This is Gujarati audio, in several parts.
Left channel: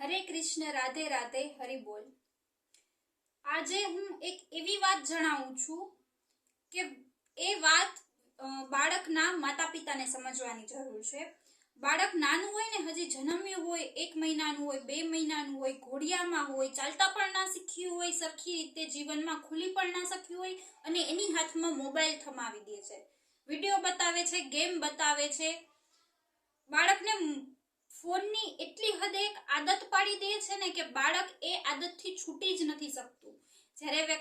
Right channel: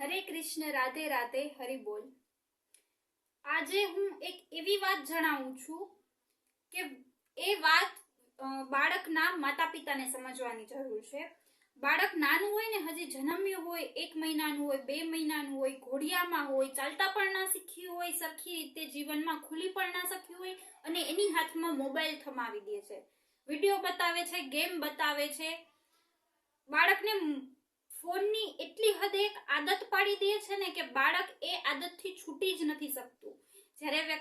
હરે કૃષ્ણ, રાધે રાધે હરિબોલ આજે હું એક એવી વાત જણાવું છું કે એ વાત બાળકના માતા પિતાને સમજવાની જરૂર છે. બાળક નાનું હોય ને હજી જન્મ્યું હોય, એક મહિનાનું હોય, બે મહિનાનું હોય, ઘોડિયામાં હોય, ચાલતા પણ ના શીખ્યું હોય, સરખી રીતે જીવનમાં ખુલી પણ ના શક્યું હોય અને એની હાથમાં મોબાઈલ થમાવી દે છે. વીડિયો બતાવે છે, ગેમ બતાવે છે. બાળકને ફોનની એટલી હદે એક આદત પાડી દે છે ને કે બાળક એ આદતથી છૂટી જ નથી શકતું. જ્યારે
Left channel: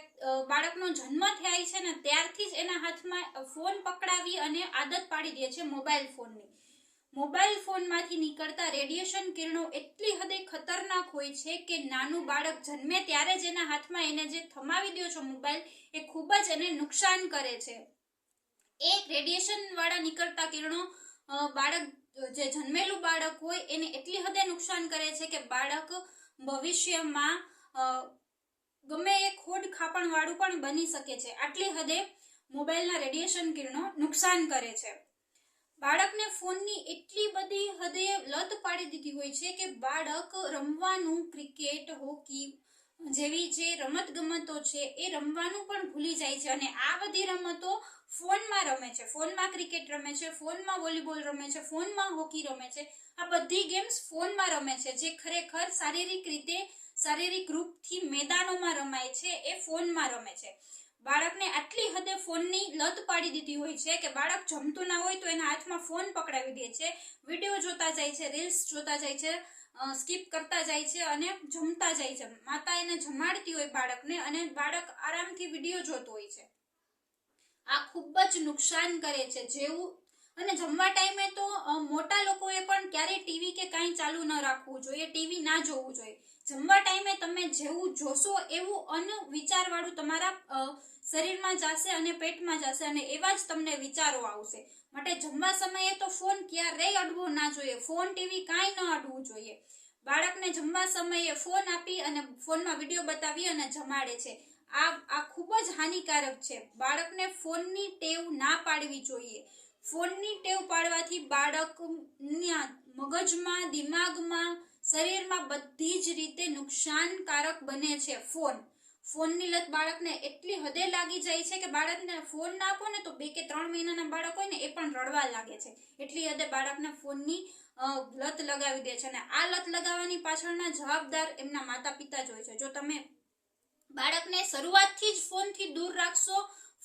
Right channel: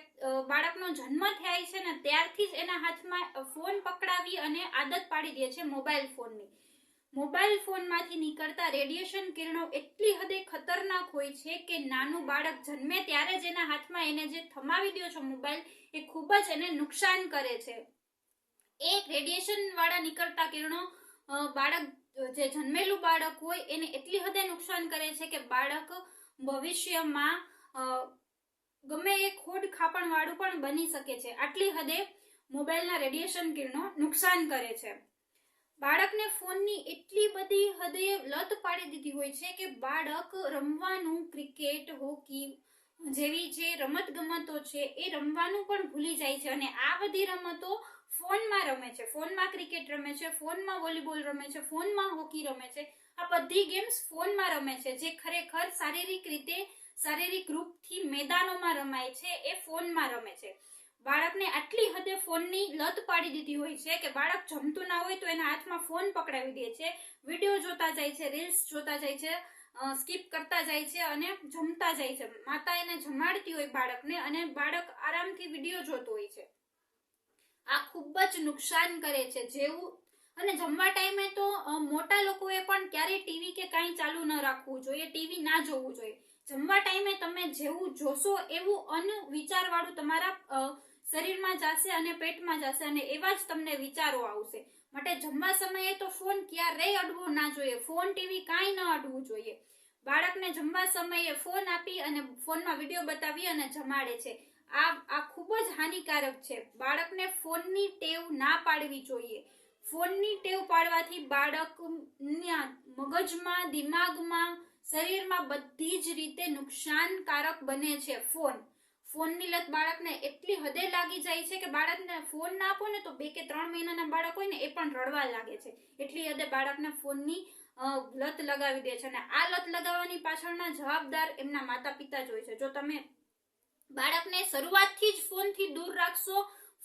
બાળકનો જન્મ થાય છે ને ત્યારથી જ એના હાથમાં ફોન પકડાવી અને આદત પાડી દે છે મોબાઈલ ફોનની. મોબાઈલ ફોનમાંથી નીકળતા રેડિયેશન કિરણો એટલી હદે ખતરનાક હોય છે કે નાનું બાળક જન્મે ત્યારે જ એના હાથમાં એને જે થમાવી દો છો મોબાઈલ, એ ખૂબ જ એને નુકસાન કરે છે. એ રેડિયેશન વાળા નીકળતા કિરણો બાળક જે જન્મેલું બાળક હોય એને એટલી હદે નુકસાન કરે છે કે બાળક ભવિષ્યમાં ગમે એ ખોડ ખાપણવાળું પણ બની શકે છે. આટલી હદે મોબાઈલના રેડિયેશન કિરણો નુકસાન કરે છે. બાળકને ફોનની એટલી બધી હદે લત પાડી દીધી હોય છે કે બાળક રમવાનું, ક્રિકેટ, હોકી જેવી જે રમત ગમતો છે એ રમવાનું પણ ભૂલી જાય છે અને આ બધી રમતો ફોનમાં રમે છે. ફોનમાં ક્રિકેટ રમે છે, ફોનમાં વોલીબોલ રમે છે, ફોનમાં હોકી રમે છે. આ બધી ગેમ્સ ફોનમાં રમે છે જે ખરેખર શારીરિક રીતે, શારીરિક રૂપથી મેદાનોમાં રમાય છે, એ ફોનમાં રમે છે. બાળકને આટલી હદે ફોનની લત પાડી દીધી હોય છે કે બાળક જમતું ના હોય તો એના હાથમાં ફોન પકડાવી દે છે. વીડિયો જોતા જાય છે, રીલ્સ જોતા જાય છે. સ્કીપ કરતા જાય છે અને જમતા જાય છે. માતા એને જમાડતી હોય બાળકને અને બાળક આરામથી વીડિયો જોતો હોય છે. આ ખૂબ જ નુકસાન કરે છે જેવું અને જમવા ટાઈમે તો મોટા લોકોએ પણ ક્યારેય ટીવી કે કાંઈ ચાલુ ન રાખવું જોઈએ, ટીવી ના જોવું જોઈએ. જમવા ટાઈમે તમે જેવું જોશો એવું અન વિચારવાળું તમારા શરીરમાં જશે અને પેટમાં જશે અને એવા જ તમને વિચારો આવશે. માટે જમવા સમયે તો ફોન ક્યારેય અડવો ના જોઈએ. ફોન, ટીવી કાંઈ ન અડવું જોઈએ. બાળકને જમવા સમયે ફોન આપી અને ફોનમાં વીડિયો બતાવી અને જમાડે છે. આ આ ખૂબ જ હાનિકારક છે. બાળકને ફોનની ટેવ ના પાડવી જોઈએ. ફોનની ટેવ પાડવાથી બાળકના મગજમાં, દિમાગમાં, શરીરમાં બધી જ રીતે નુકસાનકારક બને છે ફોન. ફોનની લત બાળકને એટલી હદે લાગી જાય છે કે બાળકને ફોન ના આપો ને તો બે કે ત્રણ મહિનાના બાળક હોય ને એ પણ રડવા લાગે છે. એટલી હદે બાળકને ફોનની લત લગાવી દે છે અને આ લત લગાવવાની પાછળના જવાબદાર એમના માતા પિતા જ હોય છે. જો તમે બાળકને શરૂઆતથી જ ફોનથી દૂર રાખશો,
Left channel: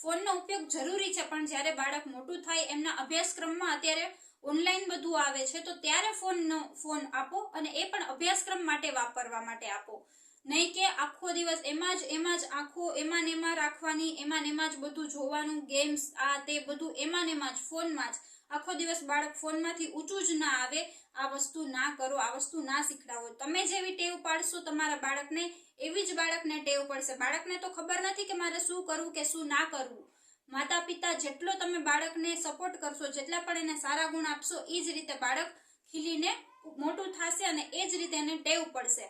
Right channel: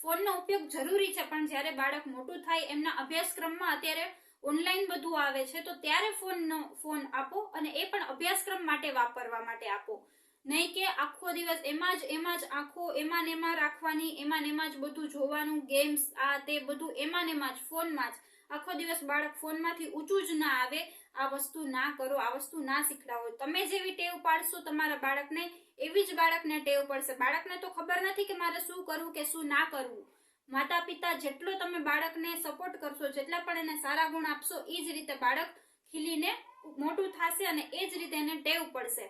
ફોનનો ઉપયોગ જરૂરી છે, પણ જ્યારે બાળક મોટું થાય, એમના અભ્યાસક્રમમાં અત્યારે ઓનલાઈન બધું આવે છે, તો ત્યારે ફોનનો, ફોન આપો અને એ પણ અભ્યાસક્રમ માટે વાપરવા માટે આપો. નહીં કે આખો દિવસ એમાં જ એમાં જ આખો, એમાં એમાં રાખવાની, એમાં એમાં જ બધું જોવાનું ગેમ્સ આ તે બધું એમાં એમાં જ, ફોનમાં જ. આખો દિવસ બાળક ફોનમાંથી ઊંચું જ ના આવે, આ વસ્તુ ના કરો, આ વસ્તુ ના શીખડાવો. તમે જેવી ટેવ પાડશો તમારા બાળકને, એવી જ બાળકને ટેવ પડશે. બાળકને તો ખબર નથી કે મારે શું કરવું કે શું ના કરવું. માતા પિતા જેટલો તમે બાળકને સપોર્ટ કરશો, જેટલા પણ એને સારા ગુણ આપશો એ જ રીતે બાળક ખીલીને મોટું થશે અને એ જ રીતે એને ટેવ પડશે.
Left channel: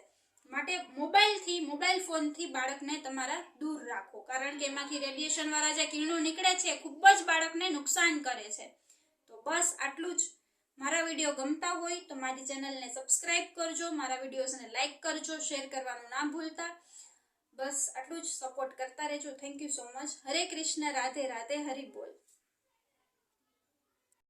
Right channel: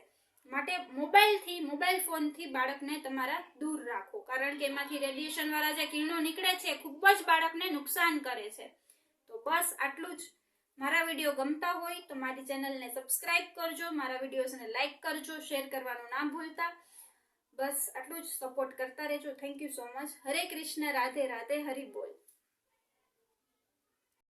માટે મોબાઈલથી મોબાઈલ ફોનથી બાળકને તમારા દૂર રાખો. કારણ કે એમાંથી રેડિયેશન વાળા જે કિરણો નીકળે છે ખૂબ જ બાળકને નુકસાન કરે છે. તો બસ આટલું જ. મારા વીડિયો ગમતા હોય તો મારી ચેનલને સબસ્ક્રાઇબ કરજો, મારા વિડીયોઝને લાઇક કરજો શેર કરવાનું ના ભૂલતા. બસ આટલું જ સપોર્ટ કરતા રહેજો. Thank you so much Hare Krishna, Radhe Radhe, Hari બોલ.